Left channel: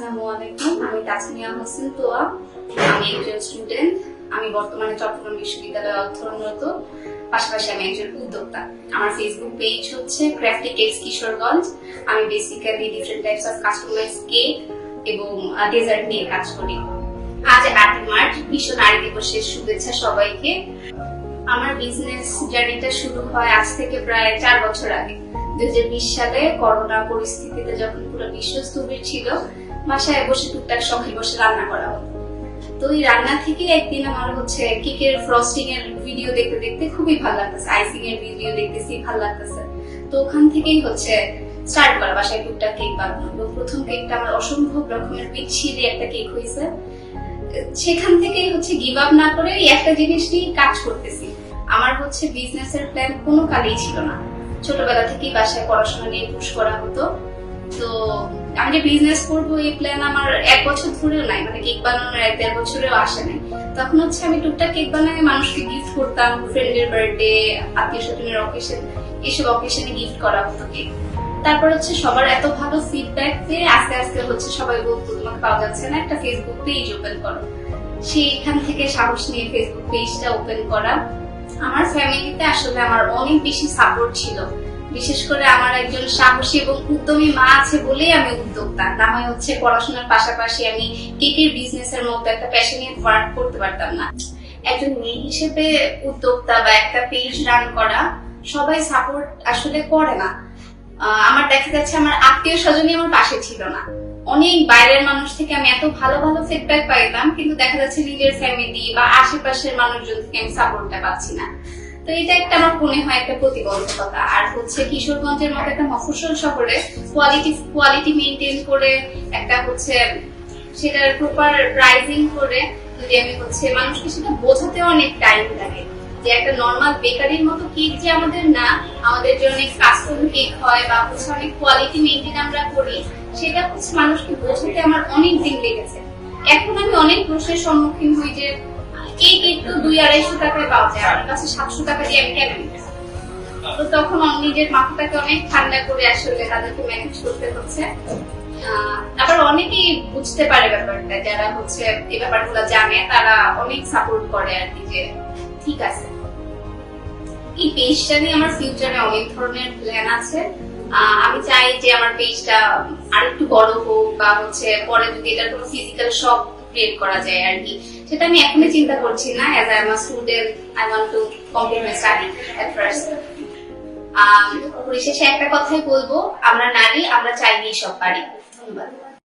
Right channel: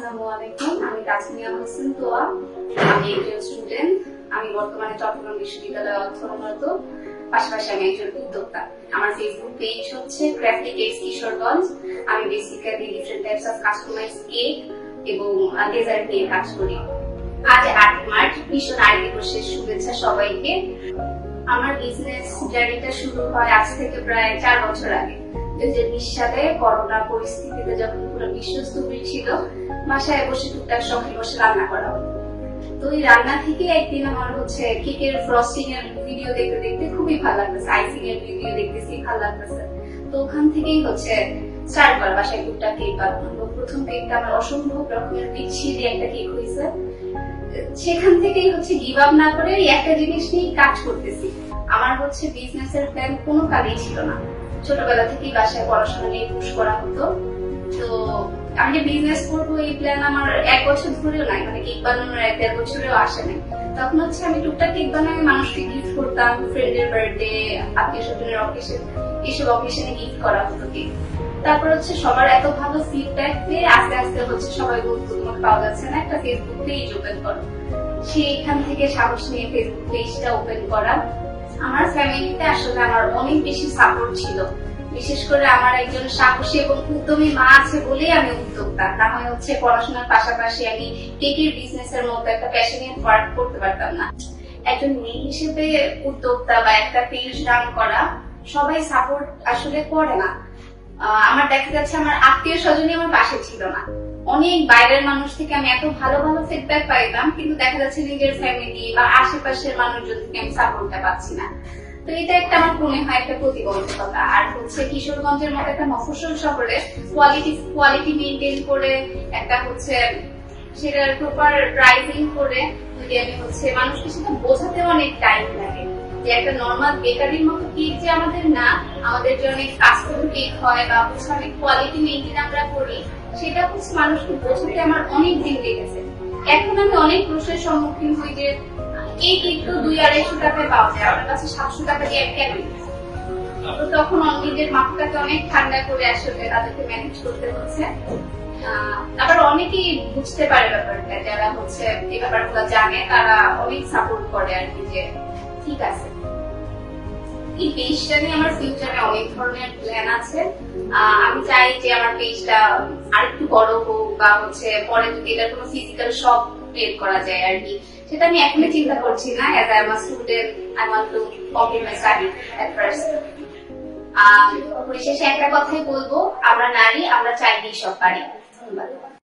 আসসালামু আলাইকুম আমি তাসমিয়া হোসেন তোয়া আমি একজন স্টুডেন্ট আমি বর্তমানে চট্টগ্রাম বিশ্ববিদ্যালয়ে অধ্যয়নরত পাশাপাশি আমি একজন উদ্যোক্তা আমার ফেসবুক পেজ হচ্ছে ক্রাফটি কেকস কিশোরগঞ্জ আমি basically different types of customise cake এবং ডেজার্ট নিয়ে কাজ করি আজ আট মার্চ বিশ্ব নারী দিবসের শুভেচ্ছা সবাইকে আমার বিজনেস জার্নিটা শুরু হয় আজ থেকে প্রায় চার বছর আগে। দুই হাজার বিশ সালে করোনা পরিস্থিতিতে যখন পুরো বিশ্ব স্থবির ছিল, বাসায় বসে টুকটাক শখে বসে রান্না করা হতো। তো এই রান্না থেকে একদিন আমার হচ্ছে কেকের ফ্রস্টিং এর ভিডিও দেখতে দেখতে খুবই ভালো লাগতেছে আইসিং এর ভিডিও দেখতেছি, ভালো লাগতেছে। তো ওখান থেকেই হচ্ছে স্টার্ট করা বাসায় টুকটাক কেক বানানো। প্রথম কেকটা আমার অসম্ভব রকমের বিচ্ছিরি একটা কেক হয়েছে। সেখান থেকেই হচ্ছে গিভ আপ না করে একটা জিনিস নিয়ে কাজ করতেছি। আমার হচ্ছে বিজনেস এর প্ল্যান কোনো কালেই ছিল না। ছোটবেলা থেকেই বাসায় পড়াশোনা নিয়ে পুশ করা হতো। তো আমি যে বিজনেস করব, এই প্ল্যান আমার এক বছর ধরেও নাই মানে কেক বানানোর এক দেড় বছরেও আসে নাই। তখন হচ্ছে আমি টুকটাক কেক বানাই, মানুষকে গিফট করতাম ফ্রেন্ডের বার্থডে আত্মীয় স্বজনের অকেশন এইসব অকেশনে গিফট করা হতো কেক তারপর হচ্ছে সবার এত ভালো ফিডব্যাক পেয়ে আস্তে আস্তে হচ্ছে সবাই বলতো, তোমাকে পাওয়া যাচ্ছে না, একটা ফেসবুক পেজ ওপেন করো। সেইখান থেকে সাহস নিয়ে ফেসবুক পেজটা ওপেন করা। আমার ফ্যামিলিতে আসলে আমার অনেক বেশি সাপোর্ট ছিল। বিশেষ করে আমার একজন সাহসী এবং উদ্যমী মা আছে বলেই আমি উদ্যোক্তা। না হয় হচ্ছে পড়াশোনার পাশাপাশি আমি কেকের বিজনেস এর মতো একটা প্যাশনিয়েট ওয়ার্ক করতে পারতাম না। একজন মেয়ে হিসেবে উদ্যোক্তা বা একটা পেজ রান করা সবাই সাপোর্ট আসলে করে না। আমার দেখা যাচ্ছে আমার আত্মীয় স্বজনই আমার পাশে ছিল না। অনেক বাইরের মানুষ থেকে আমি এত ভালো ভালো ফিডব্যাক পাইতাম কিন্তু দেখা যাচ্ছে নিজের ফ্যামিলি বা আশেপাশের মানুষজন থেকে আমি সাপোর্টটা পাচ্ছি না। তো এটা একটা আমার মনে হয় একটা প্রতিবন্ধকতা। আর হচ্ছে কিশোরগঞ্জের মতো একটা মফস্বল শহরে কোয়ালিটি কোয়ালিটি মেনটেন করে একটা হচ্ছে সেটার প্রপার প্রাইজিং করে যদি আমি হচ্ছে মানুষকে সেটা বোঝাতে অনেক টাইম লাগে। যে একটা নর্মাল বেকারির মতো কেক যে আমাদের না, আমাদের কাস্টম কেক হয় বা হচ্ছে অনেক কোয়ালিটি মেনটেন আমরা করি, সেটা হচ্ছে মানুষকে বোঝাতে আমার অনেক দিন লেগেছে। এখন আমি অনেক প্রশ্নের সম্মুখীন হই যে এই তো দুই আড়াইশো টাকায় পাওয়া যায় আমার কাছে সাতশো টাকা দিয়ে তো তখন নিজের মাথাটাকে অনেক ঠান্ডা করে আসলে তাদেরকে ম্যানেজ করতে হচ্ছে। আবার অনেকেই বুঝতে পারে ব্যাপারটা, যারা হচ্ছে এই ব্যাপারগুলো জানে, তারা অনেক সাপোর্ট করে আর কি যে, ঠিক আছে। এই পেজটা নিয়ে আমার ফিউচারে অনেক ধরনের প্ল্যান আছে। আমি চাই যে আমার পেজটা আরেকটু বড় হোক বা হচ্ছে পরে যদি এটার কোনো ফিজিক্যাল শপ ক্রিয়েট করা যায় আর কি। সেটা আমি এখনই চিন্তা করছি না as I am student I want to complete my study at first পরিশেষে একটা কথাই বলব, আমরা নারী, আমরা চাইলেই সব পারি ধন্যবাদ।